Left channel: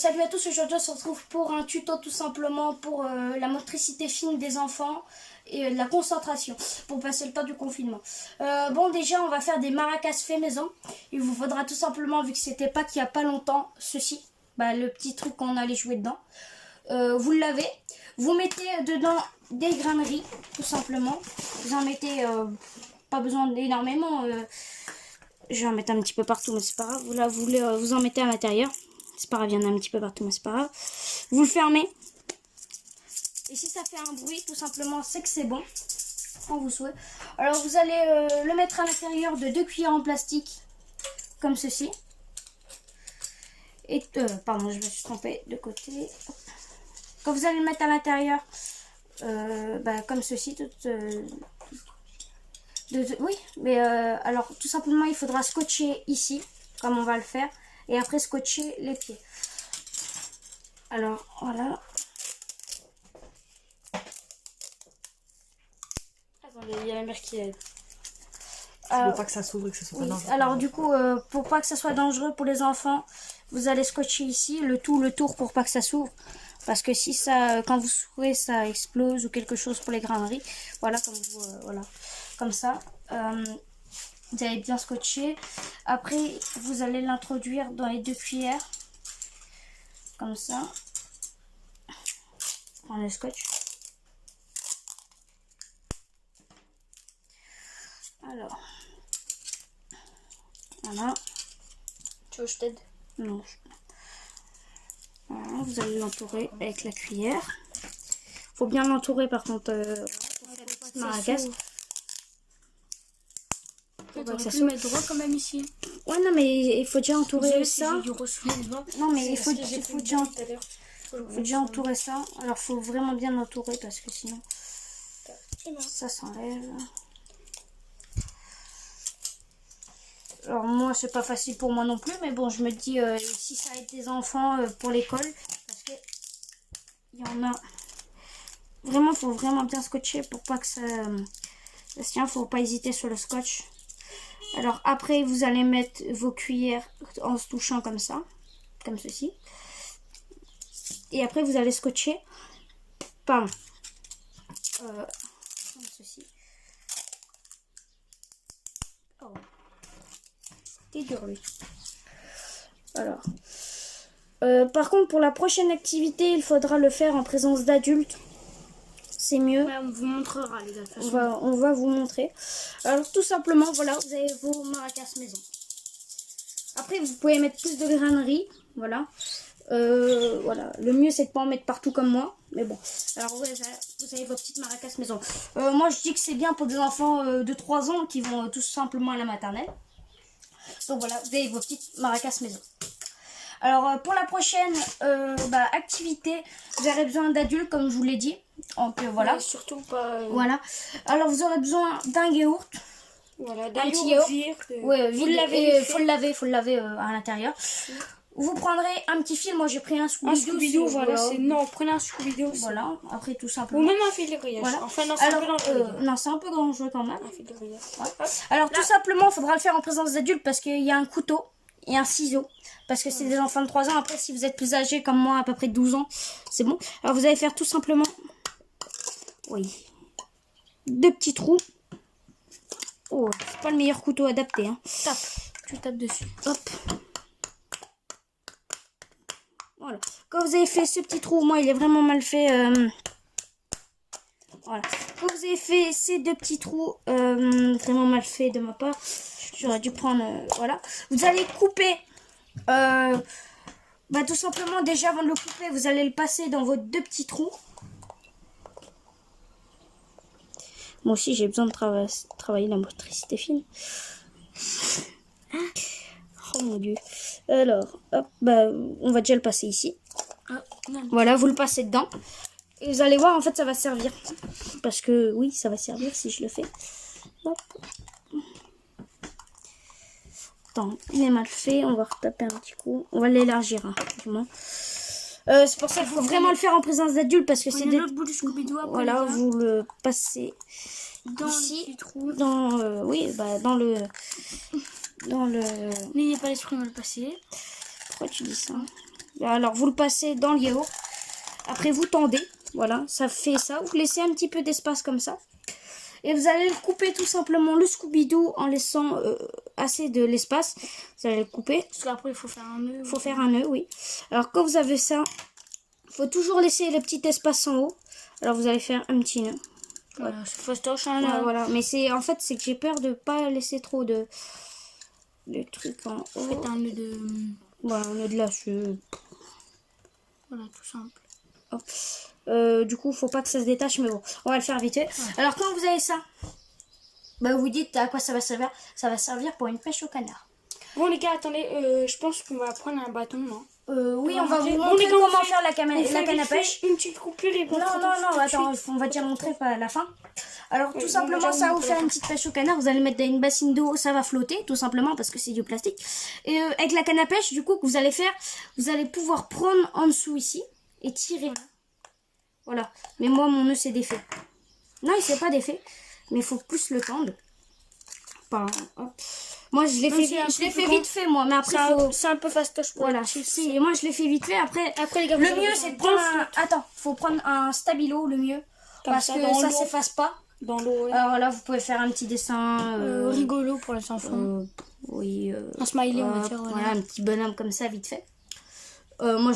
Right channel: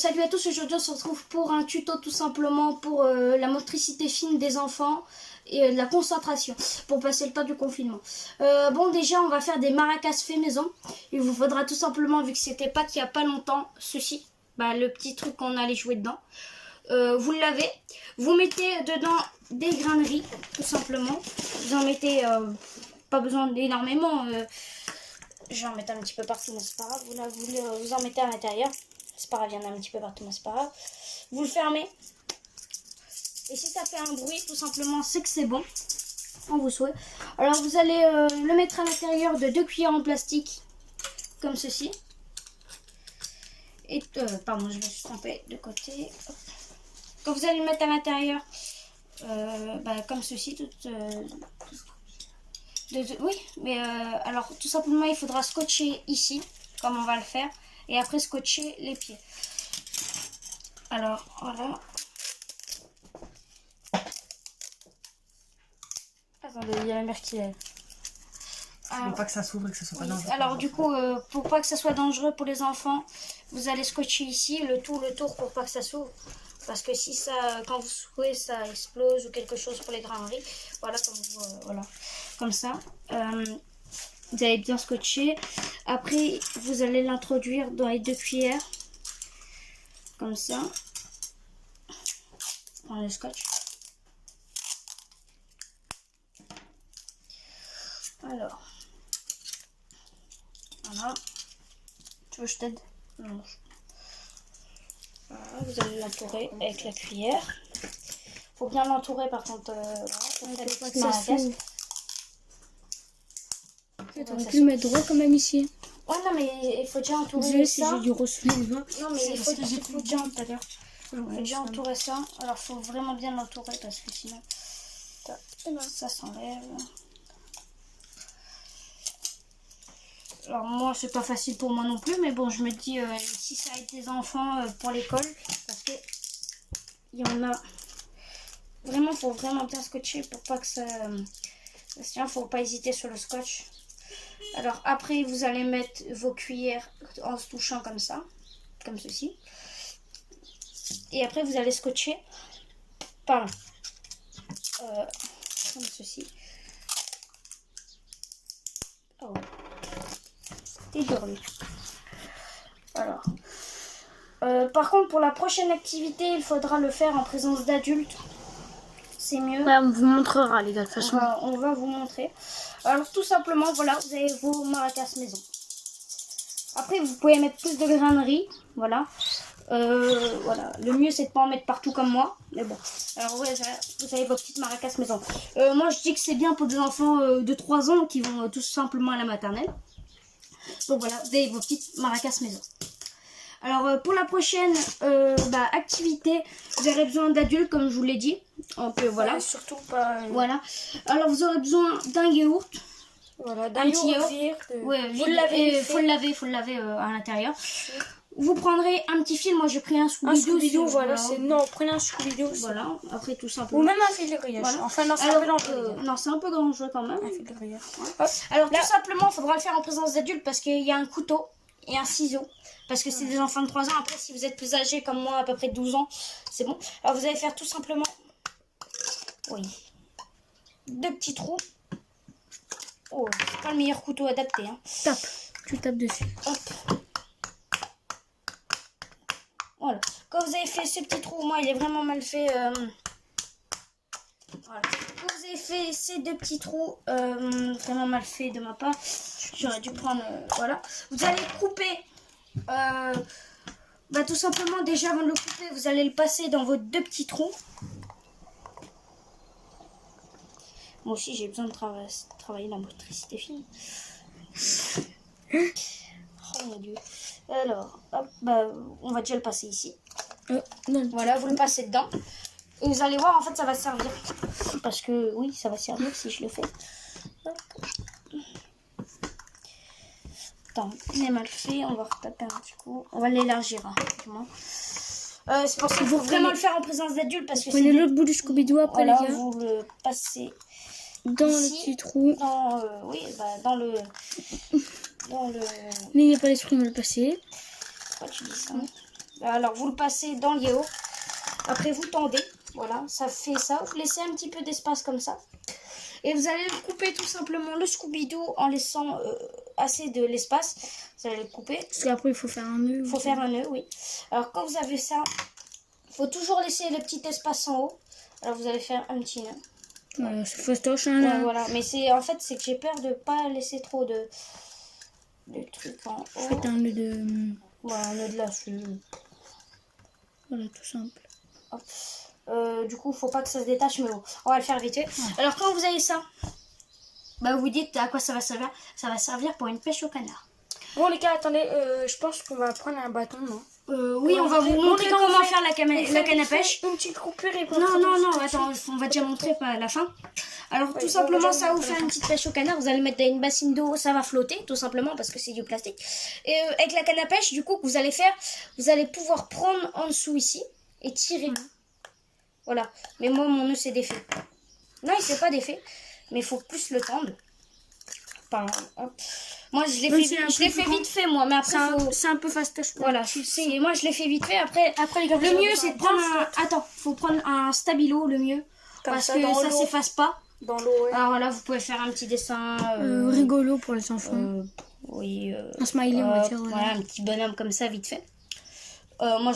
salut à tous, aujourd'hui on se retrouve pour un tuto tout simplement pour la motricité fine des enfants et de la concentration pour passer le temps du confinement. Bon, déjà on va faire des maracas fait maison. Il vous faudra tout simplement, vu que c'était Pâques il n'y a pas longtemps, ceci, le petit truc qu'on allait jouer dedans. Vous le lavez, vous mettez dedans des grains de riz tout simplement. Vous en mettez pas besoin d'énormément. Je vais en mettre un petit peu partout, mais c'est pas grave. Vous en mettez à l'intérieur. C'est pas grave, il y en a un petit peu partout, mais c'est pas grave. Vous le fermez. Et si ça fait un bruit, tout simplement, c'est que c'est bon. Quand vous souhaitez. Alors, vous allez le mettre à l'intérieur de 2 cuillères en plastique. Comme ceci. Et, pardon, je me suis trompée de côté. Hop. Quand vous allez le mettre à l'intérieur, comme ceci, oui, mais alors tout simplement il faudra scotcher ici, comme on va le faire, et après scotcher les pieds. Alors voilà. Attendez, il y a la mère qui aide. Tu veux pas que ça s'ouvre et que ça soit pas dangereux. Alors du coup, pour pas que ça soit dangereux pour les enfants, vous allez scotcher ici le tour pour pas que ça s'ouvre. Parce que si ça, quand vous souhaitez, ça explose ou quelque chose pour les graineries. Voilà, comme ça. Vous allez bien scotcher. Après, vous allez l'introduire dans les 2 cuillères. Comme ça. Prends le scotch. Alors. Voilà. Tu veux que je t'aide? Non. Voilà, vous allez l'entourer avec la cuillère. Faut bien l'entourer par contre. On aurait pu le mettre droit quand même ici. Ouais, non, mais il faut déjà entourer ça. J'ai dû ressouler les doigts. Non, mais il faut déjà entourer ça. Alors, il faut vraiment bien l'entourer parce que sinon, ça s'enlève. Alors, moi, c'est pas facile pour moi non plus, mais bon, je me dis, si ça aide des enfants pour l'école, parce que il y en a. Vraiment, il faut vraiment bien scotcher pour pas que ça se tient. Faut pas hésiter sur le scotch. Alors après, vous allez mettre vos cuillères en se touchant comme ça, comme ceci. Et après, vous allez scotcher, comme ceci. Oh, c'était dur lui. Alors, par contre, pour la prochaine activité, il faudra le faire en présence d'adultes. C'est mieux. Ouais, on vous montrera les gars de toute façon. On va vous montrer. Alors tout simplement, voilà, vous avez vos maracas maison. Après, vous pouvez mettre plus de graineries. Voilà. Voilà. Le mieux, c'est de pas en mettre partout comme moi. Mais bon. Alors ouais, vous avez vos petites maracas maison. Moi, je dis que c'est bien pour des enfants de 3 ans qui vont tout simplement à la maternelle. Donc voilà, vous avez vos petites maracas maison. Alors pour la prochaine activité, vous aurez besoin d'adultes comme je vous l'ai dit. Donc voilà. Ouais, surtout pas. Voilà. Alors vous aurez besoin d'un yaourt. Voilà, d'un yaourt vide. Ouais, Vous le lavez. Faut le laver à l'intérieur. Vous prendrez un petit fil. Moi j'ai pris un Scooby-Doo. Voilà. Non, prenez un Scooby-Doo. Voilà. Après tout simplement. Ou même un fil de grillage. Voilà. Enfin non, c'est un peu dangereux. Non, c'est un peu dangereux quand même. Un fil de grillage. Ouais. Alors tout simplement, il faudra le faire en présence d'adultes parce qu'il y a un couteau et un ciseau. Parce que c'est des enfants de 3 ans. Après, si vous êtes plus âgés comme moi, à peu près 12 ans, c'est bon. Alors, vous allez faire tout simplement... Oui. 2 petits trous. Oh, c'est pas le meilleur couteau adapté. Hein. Tu tapes dessus. Hop. Voilà. Quand vous avez fait ce petit trou, moi, il est vraiment mal fait. Voilà. Quand vous avez fait ces 2 petits trous, vraiment mal fait de ma part, j'aurais dû prendre... voilà. Vous allez couper... tout simplement, déjà avant de le couper, vous allez le passer dans vos 2 petits trous. Moi aussi, j'ai besoin de travailler la motricité fine. Oh mon dieu. Alors, hop, on va déjà le passer ici. Voilà, vous le passez dedans. Et vous allez voir, en fait, ça va servir. Parce que, oui, ça va servir si je le fais. Hop. Attends, il est mal fait. On va retaper un petit coup. On va l'élargir, hein, du moins. C'est pour ça qu'il faut vraiment le faire en présence d'adultes. Parce que c'est l'autre bout du Scooby-Doo après. Voilà, vous le passez dans ici, le petit trou. dans le... N'ayez pas l'esprit de me le passer. Pourquoi tu dis ça? Alors vous le passez dans le yaourt. Après vous tendez. Voilà, ça fait ça. Vous laissez un petit peu d'espace comme ça. Et vous allez couper tout simplement le Scooby-Doo en laissant assez de l'espace. Vous allez le couper. Parce qu'après, il faut faire un nœud. Il faut faire un nœud, oui. Alors quand vous avez ça, il faut toujours laisser le petit espace en haut. Alors vous allez faire un petit nœud. Voilà, c'est fastoche. Hein, là. Ouais, voilà. Mais c'est en fait, c'est que j'ai peur de pas laisser trop de trucs en haut. Faites un nœud de... Voilà, un nœud de lacet. Voilà, tout simple. Hop. Du coup, faut pas que ça se détache, mais bon, on va le faire vite fait. Alors, quand vous avez ça, bah, vous dites à quoi ça va servir. Ça va servir pour une pêche au canard. Bon, les gars, attendez, je pense qu'on va prendre un bâton, non? Oui, on va vous montrer comment faire la canne à pêche. Une petite coupure et Non, attends, on va déjà montrer à la fin. Alors, tout simplement, ça va vous faire une petite pêche au canard. Vous allez mettre dans une bassine d'eau, ça va flotter, tout simplement, parce que c'est du plastique. Et avec la canne à pêche, du coup, que vous allez faire, vous allez pouvoir prendre en dessous ici et tirer. Voilà. Mais moi, mon nœud s'est défait. Non, il s'est pas défait. Mais il faut plus le tendre. Hop. Moi, je l'ai fait vite fait, moi. Mais après, c'est un peu fastoche. Voilà. Et moi, je l'ai fait vite fait. Après les gars, le mieux, c'est de prendre faut prendre un stabilo, le mieux. Comme parce ça, que ça s'efface pas. Dans l'eau, ouais. Alors là, vous pouvez faire un petit dessin. Rigolo pour les enfants. Oui. Un smiley, on va dire. Voilà, un petit bonhomme comme ça, vite fait. Moi,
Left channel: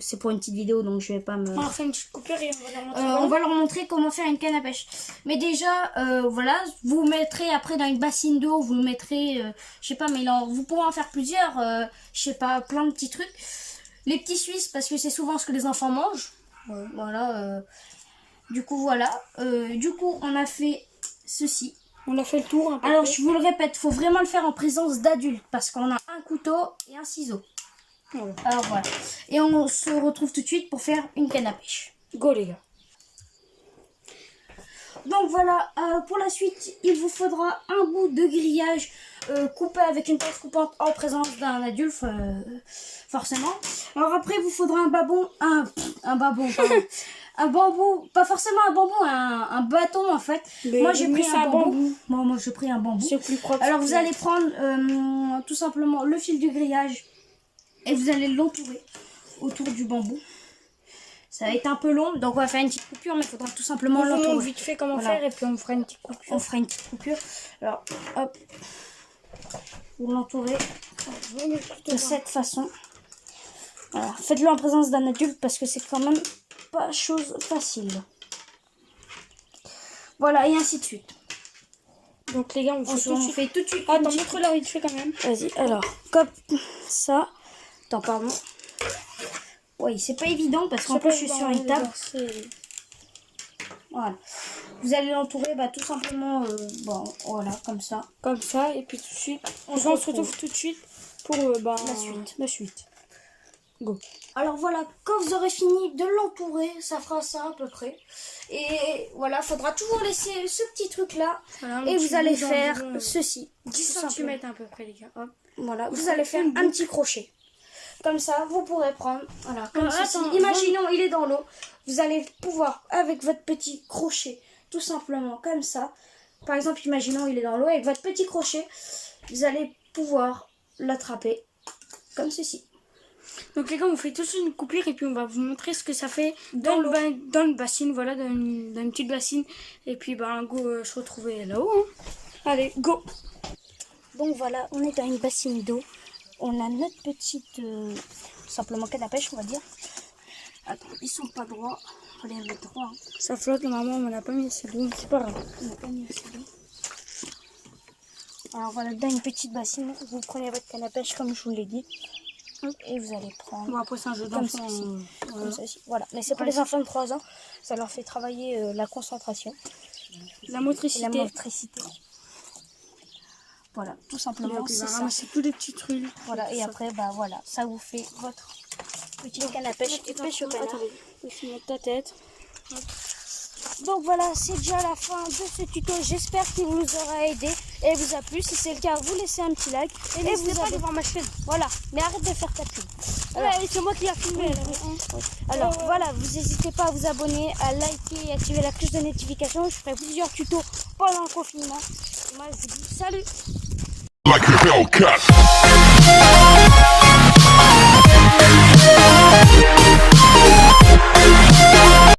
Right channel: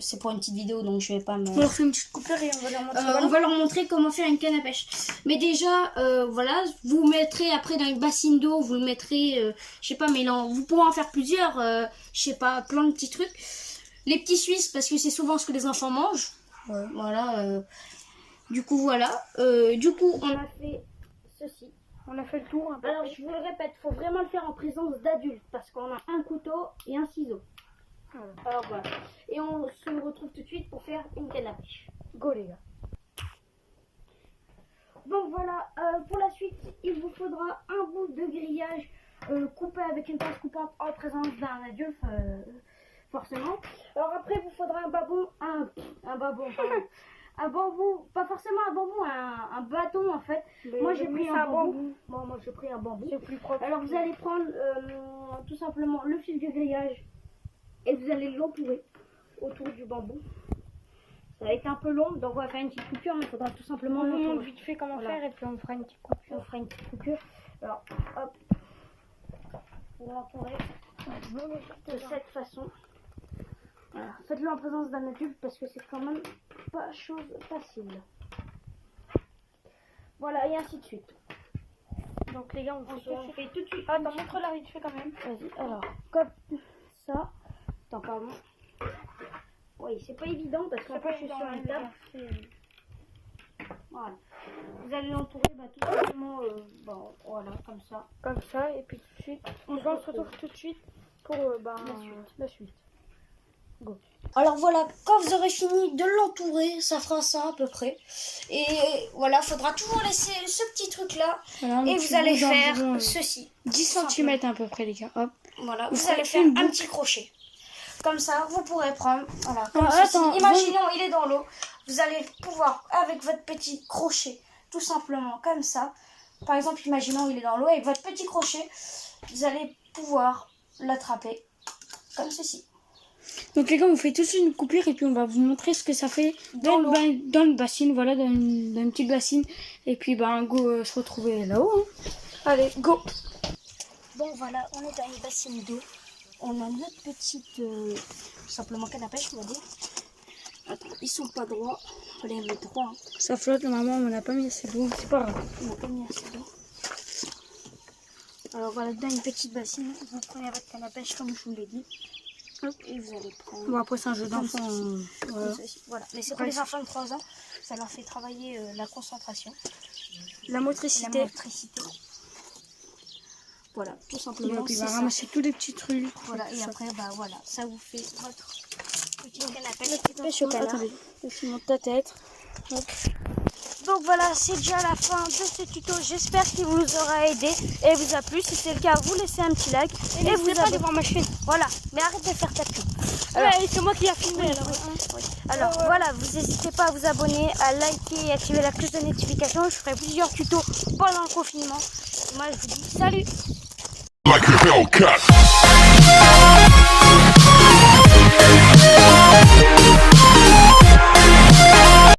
c'est pour une petite vidéo, donc je vais pas me... On leur fait une petite coupure et on va leur montrer. On va leur montrer comment faire une canne à pêche. Mais déjà, voilà, vous mettrez après dans une bassine d'eau, vous le mettrez, je sais pas, mais vous pourrez en faire plusieurs, je sais pas, plein de petits trucs. Les petits Suisses, parce que c'est souvent ce que les enfants mangent. Ouais. Voilà. Du coup, voilà. Du coup, on a fait ceci. On a fait le tour. Alors, je vous le répète, faut vraiment le faire en présence d'adultes, parce qu'on a un couteau et un ciseau. Alors voilà. Et on se retrouve tout de suite pour faire une canne à pêche. Go les gars. Donc voilà, pour la suite, il vous faudra un bout de grillage coupé avec une pince coupante en présence d'un adulte, forcément. Alors après, il vous faudra un bambou, un bambou, pas forcément un bambou, un bâton en fait. Moi j'ai pris un bambou. Moi j'ai pris un bambou. C'est plus propre. Alors vous allez prendre tout simplement le fil du grillage. Et vous allez l'entourer autour du bambou. Ça va être un peu long, donc on va faire une petite coupure, mais il faudra tout simplement l'entourer. On montre vite fait comment faire et puis on fera une petite coupure. On fera une petite coupure. Alors, hop. Vous l'entourez de cette façon. Voilà. Faites-le en présence d'un adulte parce que c'est quand même pas chose facile. Voilà, et ainsi de suite. Donc les gars, on fait tout de suite. Attends, montre-leur vite fait quand même. Vas-y, alors, comme ça. Attends, pardon. Oui, c'est pas évident parce qu'en plus je suis sur une table. Voilà. Vous allez l'entourer tout simplement, voilà, comme ça. Comme ça, et puis tout de suite. On se retrouve tout de suite pour la suite. Go. Alors voilà, quand vous aurez fini de l'entourer, ça fera ça à peu près. Et voilà, faudra toujours laisser ce petit truc là. Voilà, et vous allez faire ceci. 10 cm à peu près les gars. Hop. Voilà, vous allez faire un petit crochet. Comme ça, vous pourrez prendre, voilà, comme ceci. Imaginons, il est dans l'eau. Vous allez pouvoir, avec votre petit crochet, tout simplement, comme ça. Par exemple, imaginons, il est dans l'eau. Avec votre petit crochet, vous allez pouvoir l'attraper, comme ceci. Donc les gars, on fait tout de suite une coupure et puis on va vous montrer ce que ça fait dans une bassine, voilà, dans une petite bassine. Et puis, go se retrouver là-haut. Hein. Allez, go. Donc voilà, on est dans une bassine d'eau. On a notre petite, simplement canne à pêche, on va dire. Attends, ils sont pas droits. Il faut les mettre droits. Hein. Ça flotte, normalement, on n'a pas mis assez d'eau. C'est pas grave. On n'a pas mis assez d'eau. Alors voilà, dans une petite bassine, vous prenez votre canne à pêche comme je vous l'ai dit. Et vous allez prendre. Bon, après, c'est un jeu d'enfant. Voilà. Mais c'est pour les enfants de 3 ans. Ça leur fait travailler la concentration. La motricité. Voilà, tout simplement. Et puis, va ramasser tous les petits trucs. Voilà, et après, voilà, ça vous fait votre petite canne à pêche et pêche au canard. Attendez, je monte ta tête. Hop. Donc voilà, c'est déjà la fin de ce tuto. J'espère qu'il vous aura aidé et vous a plu. Si c'est le cas, vous laissez un petit like. Et vous pas aller voir ma chaîne. Voilà, mais arrête de faire ta pub. Alors, c'est moi qui a filmé. Alors voilà, vous n'hésitez pas à vous abonner, à liker et activer la cloche de notification. Je ferai plusieurs tutos pendant le confinement. Et moi, je vous dis salut. Like a Hellcat.